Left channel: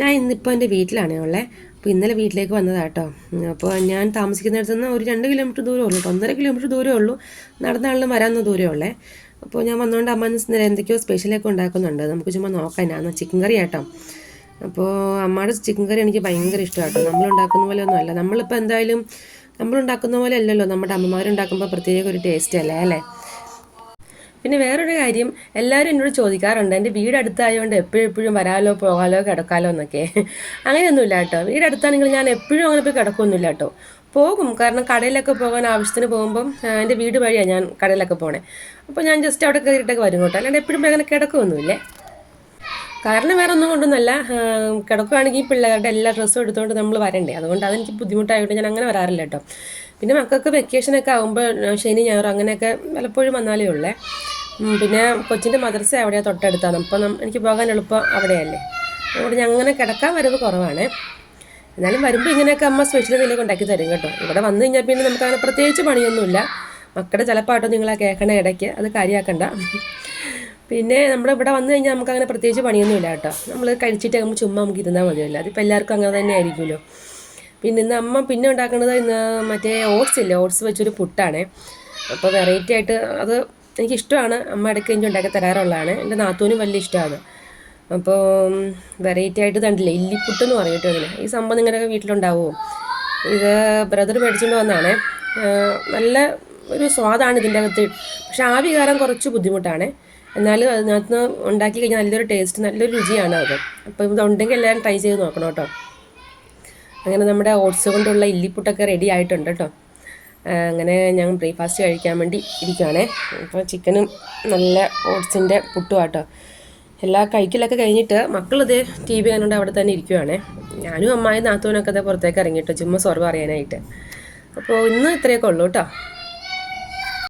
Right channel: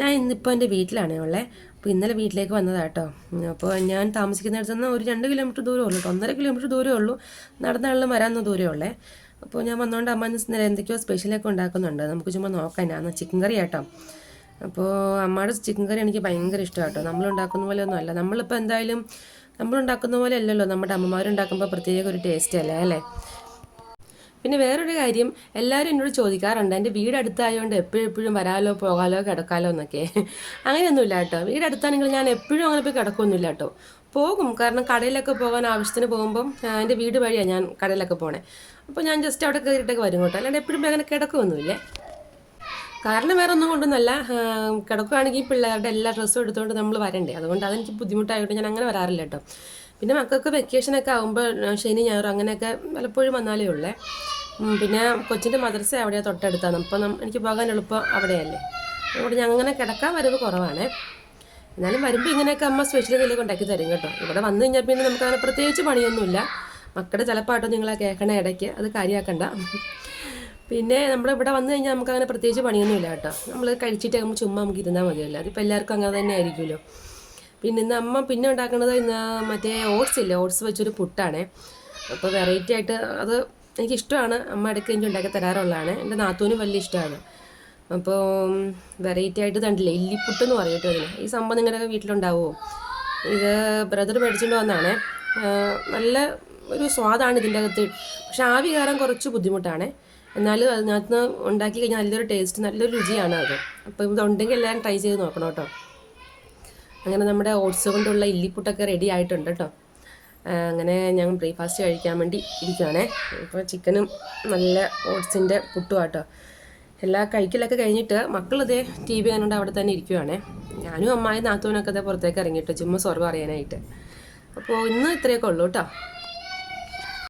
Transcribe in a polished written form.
ഞാൻ ഇന്നിപ്പോൾ എൻ്റെ വീട്ടിലാണേ ഉള്ളത്. അപ്പോൾ ഇന്നലെ വീട്ടിലേക്ക് വന്നതാട്ടോ. അപ്പോൾ ഞാൻ താമസിക്കുന്നിടത്ത് നിന്ന് ഒരു 2 കിലോമീറ്റർ ദൂരമേ ഉള്ളൂ, 1.5 കിലോമീറ്റർ ദൂരമേ ഉള്ളൂ. നടന്നാണെങ്കിലും വരാവുന്ന ദൂരമേ ഉള്ളേ. അപ്പോൾ ഞാൻ വന്നുകൊണ്ട് അമ്മ ഇന്നലെ എന്തൊക്കെയോ സ്പെഷ്യലൊക്കെ ഉണ്ടാക്കുന്നുണ്ട്. നമുക്ക് ചുമ്മാ നോക്കാം. എന്നാന്ന് ചിക്കൻ കറി ആട്ടോ. അപ്പോൾ അമ്മയുടെ ചിക്കൻ കറി എനിക്ക് ഭയങ്കര ഇഷ്ടമാട്ടോ. നമ്മളുണ്ടാക്കുന്ന പോലെ ഒന്നും അല്ല. നമ്മളിപ്പോൾ എന്തായാലും നമ്മളുണ്ടാക്കുന്ന പോലെ അല്ലല്ലോ നമ്മുടെ അമ്മമാരുണ്ടാക്കുമ്പോൾ പ്രത്യേക ഒരു ടേസ്റ്റ് അല്ലേ അല്ലേ. പിന്നെ വേറൊരു കാര്യം, എല്ലാവരും എന്നോട് ചോദിക്കാറുണ്ട് എൻ്റെ വീട് അടുത്തായതുകൊണ്ട് എപ്പോഴും വരാലോ പോകാലോ കിടക്കാലോ എന്നൊക്കെ. അങ്ങനെയൊന്നുമില്ല കേട്ടോ. വീട് അടുത്താണെങ്കിൽ ഞാൻ എപ്പോഴും അങ്ങനെ പോയി കിടക്കൊന്നുമില്ല കേട്ടോ. പോകും, കാരണം കടയിലൊക്കെ പോകാൻ ആവശ്യത്തിന് പോകുമ്പം എൻ്റെ വീട് വഴിയാണ് ഞാൻ കടയിലൊക്കെ പോണേ. അപ്പോൾ ഞാൻ ജസ്റ്റ് അവിടെ കയറിയിട്ടൊക്കെ വരും കേട്ടോ. അല്ലാണ്ട് എപ്പോഴും അങ്ങനെ കിടക്കുമൊന്നുമില്ലേ. കാരണം വേറെ ഒന്നും കൊണ്ടൊന്നുമല്ല, കിടക്കുകയാണെങ്കിൽ പിള്ളേരുടെ എല്ലാ ഡ്രസ്സും എടുത്തുകൊണ്ട് നമ്മൾ വരണ്ടേ, അതുകൊണ്ട് അതെനിക്ക് ബുദ്ധിമുട്ടായിട്ട് ഞാൻ അങ്ങനെ വരാറില്ല കേട്ടോ. പിന്നെ മക്കൾക്ക് വെക്കേഷനൊക്കെ ആകുമ്പോൾ ശനി ഞായറും അങ്ങനെയൊക്കെ പലപ്പോഴും വന്നാലേ ഉള്ളേ. പിന്നെ കൊച്ചിൻ്റെ മദ്രസ അവിടെയാണ് തൊട്ടടുത്താണ്. അപ്പം എനിക്ക് പോകാൻ എളുപ്പം അവിടെയല്ലേ. അതുകൊണ്ട് ഞാൻ അങ്ങനെ കിടക്കാൻ വരവ് കുറവാണ്. എന്നാലും വരുമ്പോൾ ഇങ്ങനെയൊക്കെ അമ്മ സ്പെഷ്യൽ എന്തെങ്കിലുമൊക്കെ ഉണ്ടാക്കി തരും കേട്ടോ. ഇവിടെ വന്നു കഴിഞ്ഞാൽ പിന്നെ നമുക്ക് അങ്ങനെ പ്രത്യേകിച്ച് പണിയൊന്നുമില്ല. മക്കളുടെ ചിലപ്പാട്ടോ നിങ്ങളെ കേൾക്കണ ഇടയ്ക്ക്, അത് കാര്യമാക്കണ്ട. പിന്നെ നമ്മുടെ ഇവിടെ വന്നു കഴിഞ്ഞാൽ നമുക്ക് അങ്ങനെ പ്രത്യേകിച്ച് പണിയൊന്നുമില്ല കേട്ടോ. നമ്മൾ കഴിച്ചിട്ട് നമ്മൾ ചുമ്മാ നമുക്ക് ഇരുന്നാൽ മതിയല്ലോ. അതിപ്പോൾ എല്ലാവർക്കും അങ്ങനെ തന്നെ ആയിരിക്കുമല്ലോ. പിന്നെ ഇന്ന് അമ്മ പിന്നെ ഉണ്ടാക്കുന്നത് ഇന്ന് മറ്റേ ഓട്സ് ഇല്ലേ, ഓട്സ് വെച്ചൊരു പുട്ടാണ്. അപ്പോൾ വെറൈറ്റി ആയിട്ട് അത് എനിക്കിഷ്ടമാണ്. അമ്മ ഇടയ്ക്ക് എനിക്ക് ഉണ്ടാക്കി തരാറുള്ളതാണ്. എൻ്റെ നാത്തൂനും വലിയ ഇഷ്ടമാണ്. അപ്പോൾ വെറൈറ്റി ആയിട്ട് കണ്ടില്ലേ, ഇല്ലിപ്പുട്ടെന്ന് പറഞ്ഞിട്ട് അതിന്. ഈ സംഭവം നിങ്ങളുടെ വീട്ടിലുണ്ടാവുമോ? ഇത് ബ്രദർ മേടിച്ചുകൊണ്ട് വന്നതാണ്. നല്ല ഒരു സ്വാദാണ് ഇതിൻ്റെ അകത്ത്. പക്ഷെ ആവി കയറാൻ കുറച്ച് ബുദ്ധിമുട്ടാണ്. എന്നാലും അതിനകത്ത് ഉണ്ടാക്കി കഴിഞ്ഞാൽ നല്ലൊരു ടേസ്റ്റ്, നല്ലൊരു രുചിയാണ് അത്. അപ്പോൾ ഇതുണ്ടെങ്കിൽ എല്ലാവരും ട്രൈ ചെയ്ത് നോക്കണം കേട്ടോ. അങ്ങനെ നമ്മുടെ ഓട്സ് കൊണ്ടുള്ള ഇല്ലിപ്പുട്ടൊക്കെ റെഡി ആയിട്ടുണ്ട് കേട്ടോ. അങ്ങനെ ഞാൻ ബ്രേക്ക്ഫാസ്റ്റ് കഴിക്കാൻ വേണ്ടി ഇരിക്കുകയാണേ. അപ്പോൾ ചിക്കനും നല്ല ഓട്സിൻ്റെ പുട്ടും ആട്ടോ. എല്ലാ കഴിക്കലൊക്കെ കഴിഞ്ഞിട്ട് മക്കളിത് TV കാണുകൊണ്ട് അവിടെ തന്നെ ഇരിക്കുവാണേ. ഞാനും അമ്മായി നാത്തൂനൊക്കെ പുറത്തേക്ക് ഇറങ്ങിയിട്ടോ, ചുമ്മാ സൊറ പറയാനായിട്ട്. അപ്പോൾ ഇന്ന് ഇത്രയൊക്കെ ഉള്ളൂ കേട്ടോ.